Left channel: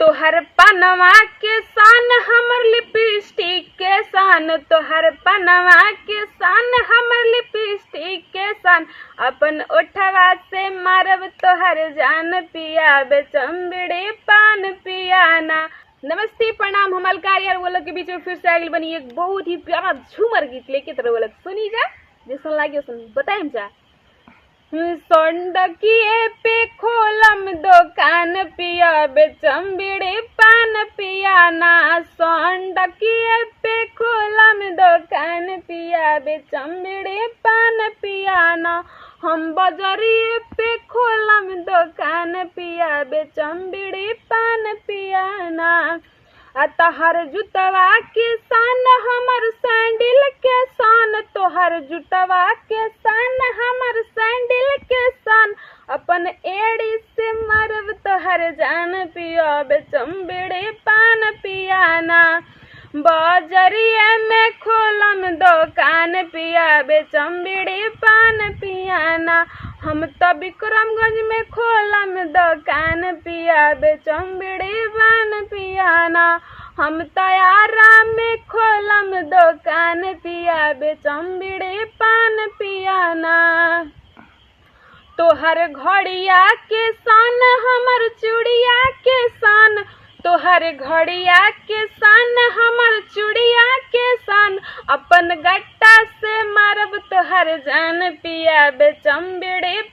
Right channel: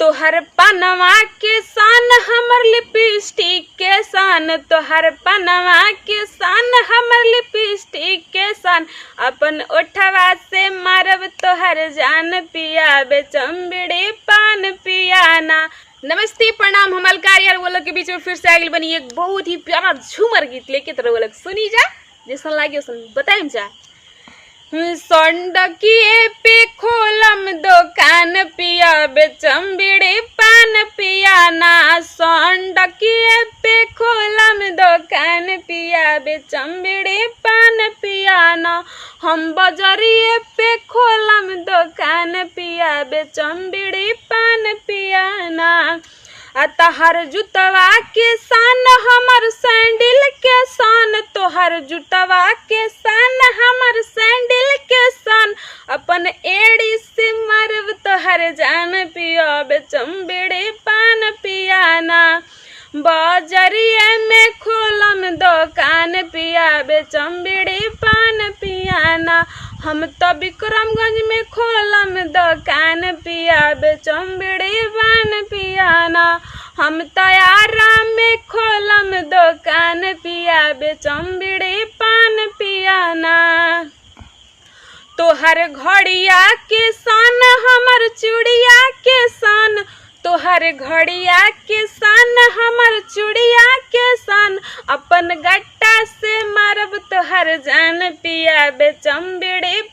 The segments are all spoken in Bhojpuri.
तोहर पनवा के सान हमर लिपस्टिक के सान, तोहर पनवा के सान हमर लिपस्टिक के सान, अपन ओठवा से मारब तोहर जान पिया बेचम पान पियाना। नमस्ते प्रणाम, हम अलकार यार वो लोग के बीच में फिर से आगे बनी एक बहुत ही प्यारा झूमर गीत लेके तो वो लोग सुनी जा, जैसा लागे सुन बताएं जा। संडकिए पे खोलम दुकान पिया बेचम पान पियाना, संडकिए पे खोलम दुकान पिया बेचम पान पियाना, हम बजरिए पे खोलम दुकान पिया बेचम पान पियाना। तोहर जुतवा के सान हमर सैंडल के सान, तोहर जुतवा के सान हमर सैंडल के सान, अपन एड़ी से मरब तोहर जान पिया बेचम पान पियाना। बाजरिया में खोलम दुकान पिया बेचम पान पियाना, हम तो विक्रमगंज में खोलम दुकान पिया बेचम पान पियाना, हम तो आराम में खोलम दुकान पिया बेचम पान पियाना। तोहर घड़िया के सान हमर चूड़िया के सान, तोहर घड़िया के सान हमर चूड़िया के सान, अपन गट्टा से मारब तोहर जान पिया बेचम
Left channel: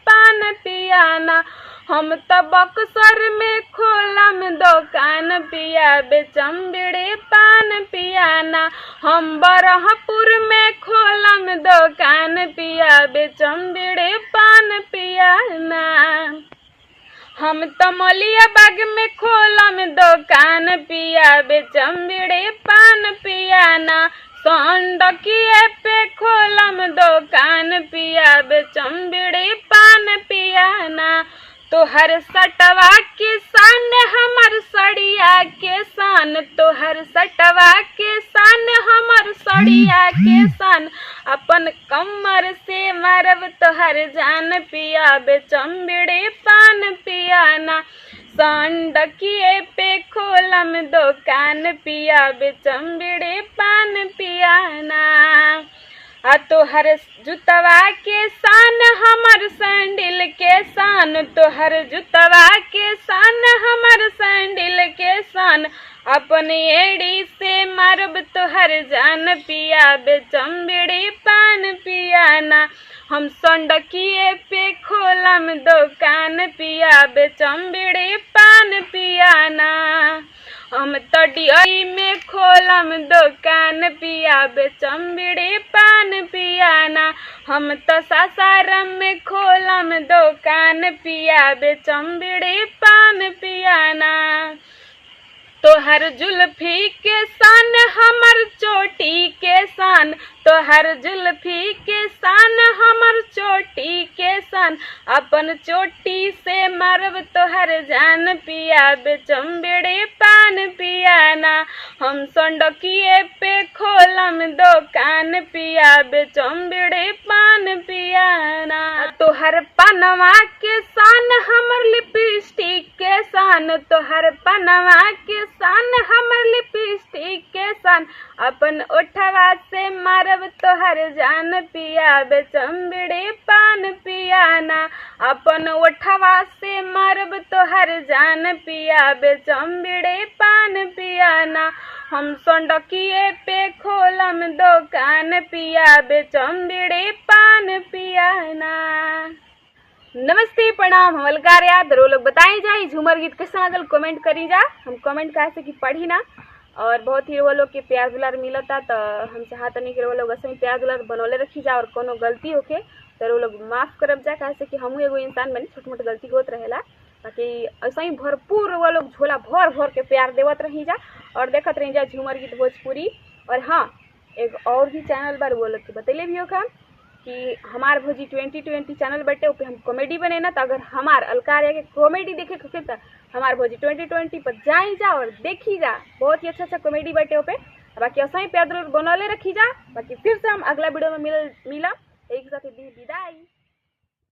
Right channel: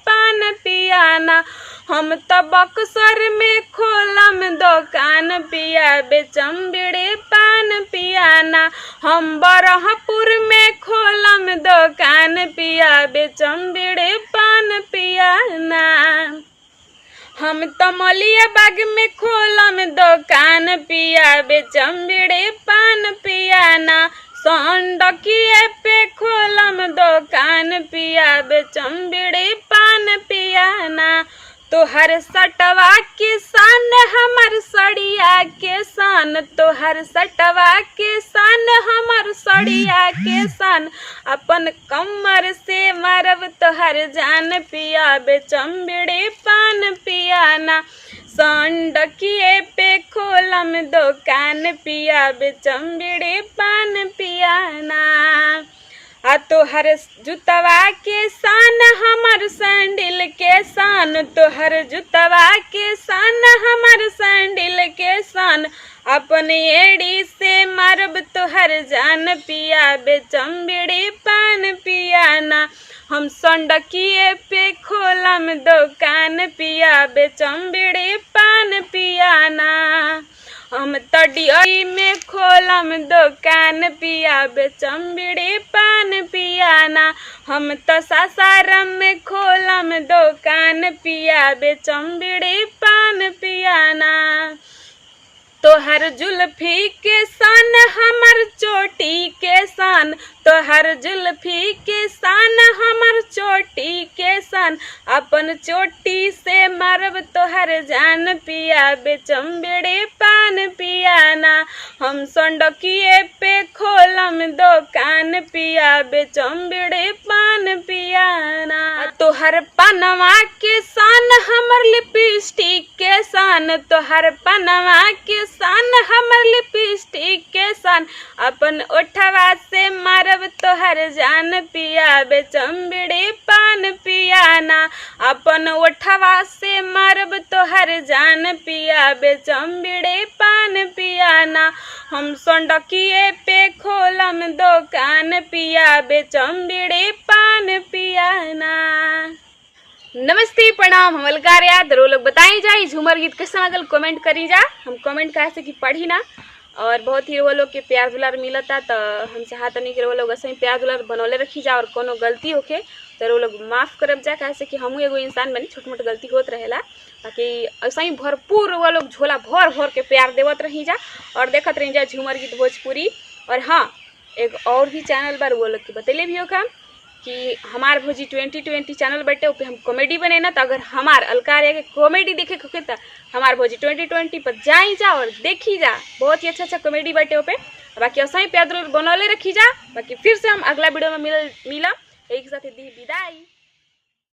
पान पियाना, हम तो बक्सर में खोलम दुकान पिया बेचम पान पियाना, हम बरहपुर में खोलम दुकान पिया बेचम पान पियाना, हम तो मलिया बाग में खोलम दुकान पिया बेचम पान पियाना, संडकिए पे खोलम दुकान पिया बेचम पान पियाना। तोहर सटवा के सान हमर सड़िया के सान, तोहर सटवा के सान हमर सड़िया के सान, अपन कमर से मारब तोहर जान पिया बेचम पान पियाना, संडकिए पे खोलम दुकान पिया बेचम पान पियाना। तोहर जुतवा के सान हमर सैंडल के सान, तोहर जुतवा के सान हमर सैंडल के सान, अपन एड़ी से मारब तोहर जान पिया बेचम पान पियाना, हम संडकिए पे खोलम दुकान पिया बेचम पान पियाना, हम तडियाई में खोलम दुकान पिया बेचम पान पियाना, हम तो सासाराम में खोलम दुकान पिया बेचम पान पियाना। तोहर जुल्फी के सान हमर चोटी के सान, तोहर जुल्फी के सान हमर चोटी के सान, अपन चोटी से मारब तोहर जान पिया बेचम पान पियाना, हम संडकिए पे खोलम दुकान पिया बेचम पान पियाना। तोहर पनवा के सान हमर लिपस्टिक के सान, तोहर पनवा के सान हमर लिपस्टिक के सान, अपन ओठवा से मारब तोहर जान पिया बेचम पान पियाना, अपन ओठवा से मारब तोहर जान पिया बेचम पान पियाना, हम संडकिए पे खोलम दुकान पिया बेचम पान पियाना। नमस्ते प्रणाम, हम अलकार यार दरो लोग बताई जाए झूमर गीत कैसा लगल कमेंट करी जा, हम कमेंट कैसे कि पढ़ी ना, और बहुत ही वो लोग के प्यार दुलार मिलता तो हम चाहते नहीं कि वो लोग ऐसे ही प्यार दुलार बनौले रखी जा, और कोनो गलती होके तो वो लोग माफ़ करब जा, कैसे कि हमू एगो इंसान बनी, छोट मोट गलती होत रहेला, ताकि ऐसा ही भरपूर वो लोग झोला भर भर के प्यार देवत रही जा और देखत रही जा झूमर गीत भोजपुरी। और हाँ, एक और भी चैनल बार वो लोग के बतैले भी होगा कि हमार भोजी 2020 चैनल बैठे पे हम कॉमेडी बने ना, तो अगर हमार अलकार के कॉमेडी देखे होके तो हमार भोजी 2020 पर जाई जा और देखी जा, बहुत ही अच्छा कॉमेडी बैठे पे। बाकी ऐसा ही प्यार बनौले रखी जा, बाकी फिर से हम अगला वीडियो में मिला एक साथ दी विदाई।